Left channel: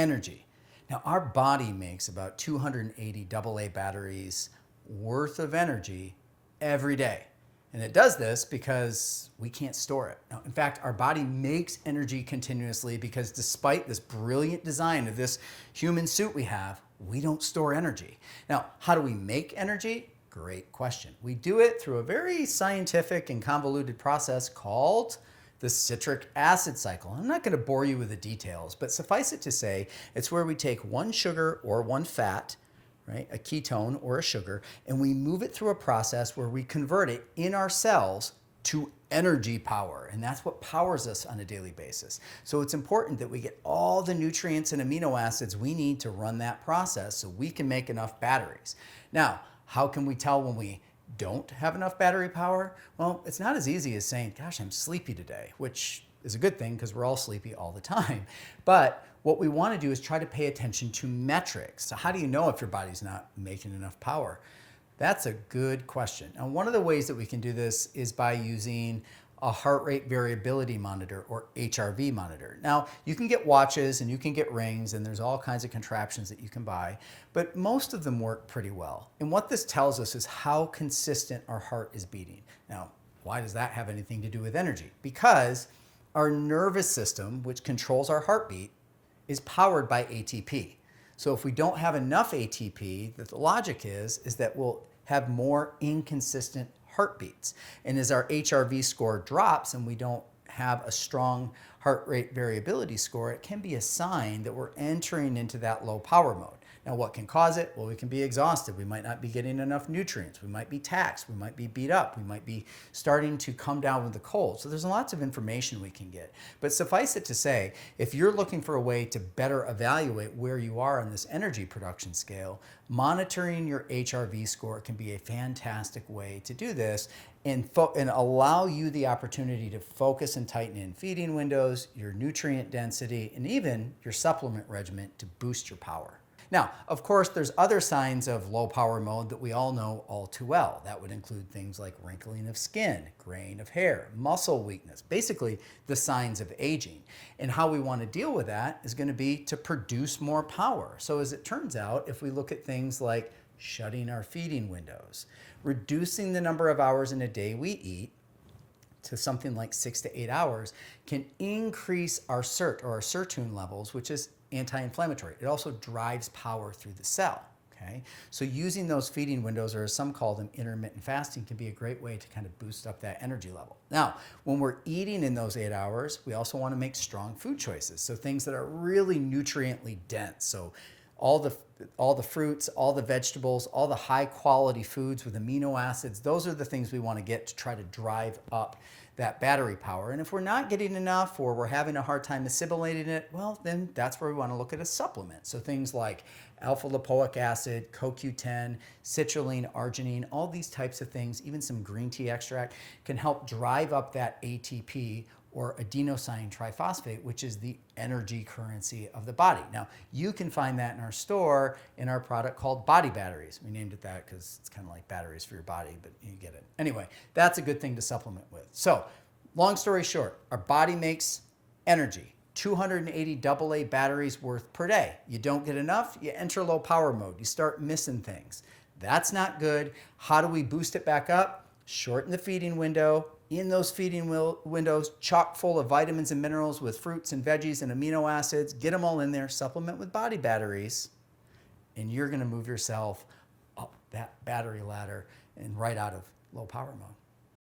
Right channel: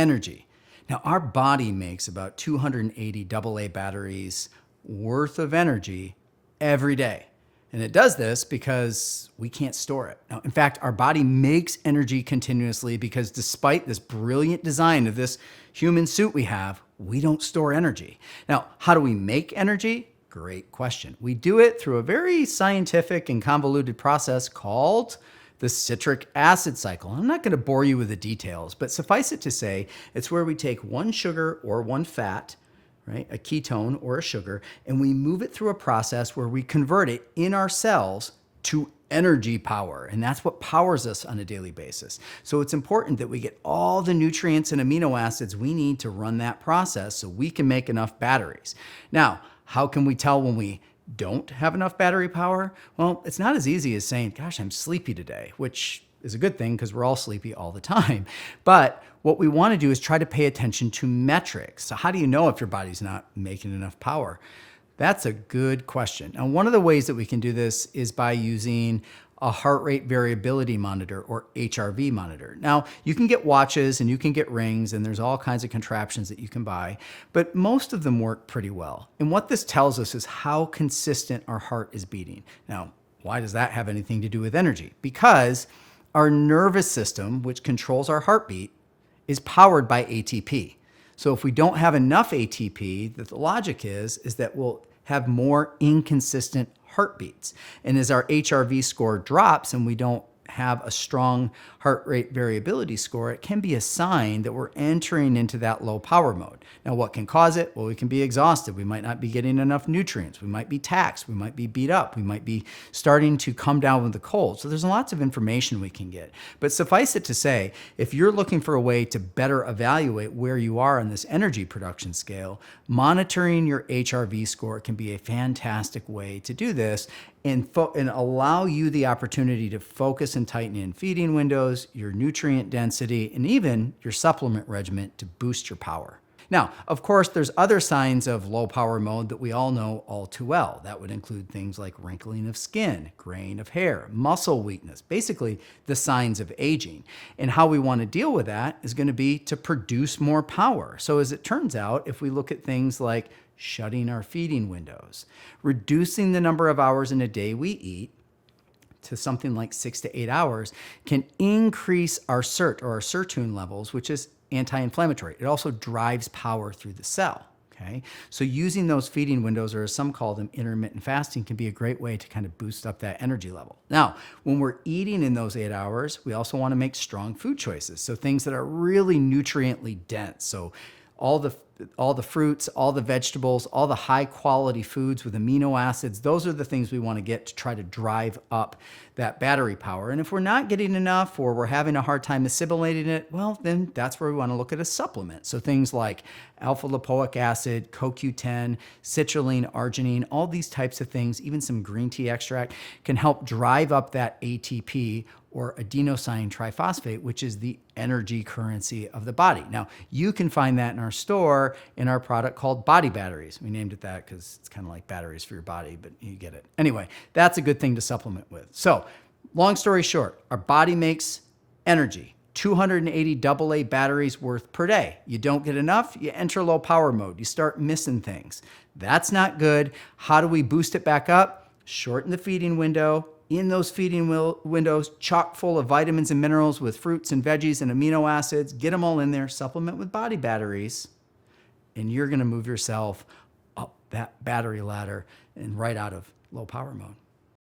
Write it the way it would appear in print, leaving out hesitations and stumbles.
energy. Now, our body makes about 280 AA batteries worth of energy every day. And it does this because we can't store it. Now, in fact, our body makes energy continuously because despite this brilliant design of this human suit we don't store energy. Now, how do we make energy? Great question. We do it through a very scientific and convoluted process called the citric acid cycle. I'm not going to bore you with the details, but suffice it to say, it's where we take one sugar or one fat, right, a ketone or a sugar, and we move it through a process where we convert it in our cells to energy power. And that's what powers us on a daily basis. So it's important that we get all the nutrients and amino acids we need to run that process so we can make enough batteries. Now, how can we tell when we don't have enough battery power? Well, it's not as easy as saying, gosh, I'm sleepy today, which is a good thing because we're all sleepy all the time. But what we want to do is try to pay attention to metrics. So how do you know if your body's not making enough power? That's a good question. Now, one of the ways that we can do this is by using a heart rate variability monitor, or HRV monitor. Now, you can get watches and you can get rings, and there's all kinds of contraptions that you can buy, but most of them work pretty well. And what this tells us is how consistent our heart is beating. Now, why does that have anything to do with energy? Because our nervous system, which controls our heartbeat, is powered by ATP. So if we don't have enough ATP, the logic is that we'll have more inconsistent heartbeats. And as our HRV score drops and we don't have a strong heart rate variability score, it can be a sign that we're entering into that low power mode. Now, what can cause it? Well, we can be exhausted. We might not be getting enough nutrients. We might be taxed. We might be beat up. We might be starting to come down with the cold. So there's lots of information we can get. But suffice it to say, if you're looking for a way to better evaluate where you are on this energy production scale, monitoring your HRV score can be a fantastic way to do this and allow you the opportunity to focus and tighten in feeding windows, your nutrient density, and even your supplement regimen to boost your power. Now, of course, there's other signs of low power mode that we all know all too well. That would include things like wrinkling of skin, graying of hair, muscle weakness, basically the signs of aging. And how we want to deal with that is going to be to produce more power. So as it turns out, if we look at things like shutting our feeding windows, reducing the number of hours in a day we eat to something like 6 to 8 hours, can increase our SIRT, or our sirtuin levels, which is anti-inflammatory. It also drives power through the cell. Okay? So using those feeding windows, or as some call them, intermittent fasting, can be a great way to kind of boost up that energy level. Now, when we're eating in those 8 hours, we also want to make strong food choices. So things that are really nutriently dense. So all the fruits, all the vegetables, all the high quality foods with amino acids, those are the things we want to get to try to drive up that battery power. And if we're not getting enough, or we're having a hard time assimilating it, well, then that's where we want to look at a supplement. So things like alpha lipoic acid, CoQ10, citrulline, arginine, all these types of things, even some green tea extract, can help drive up that ATP, or adenosine triphosphate, which is the energy currency of the body. Now, you can find that in our store in our product called Body Batteries. We named it that because it's kind of like batteries for your body, but you get it. Anyway, that's a good thing to supplement with. So, long story short, our body makes energy, 280 AA batteries worth per day. You don't get enough, you enter low power mode. You start missing things. That's not good. How do we boost it back up? Shorten the feeding window. In those feeding windows, chock full of vitamins and minerals with fruits and veggies and amino acids. Get them all in there. Supplement with Body Batteries. And you're going to move yourself up that battery ladder and right out of low power mode.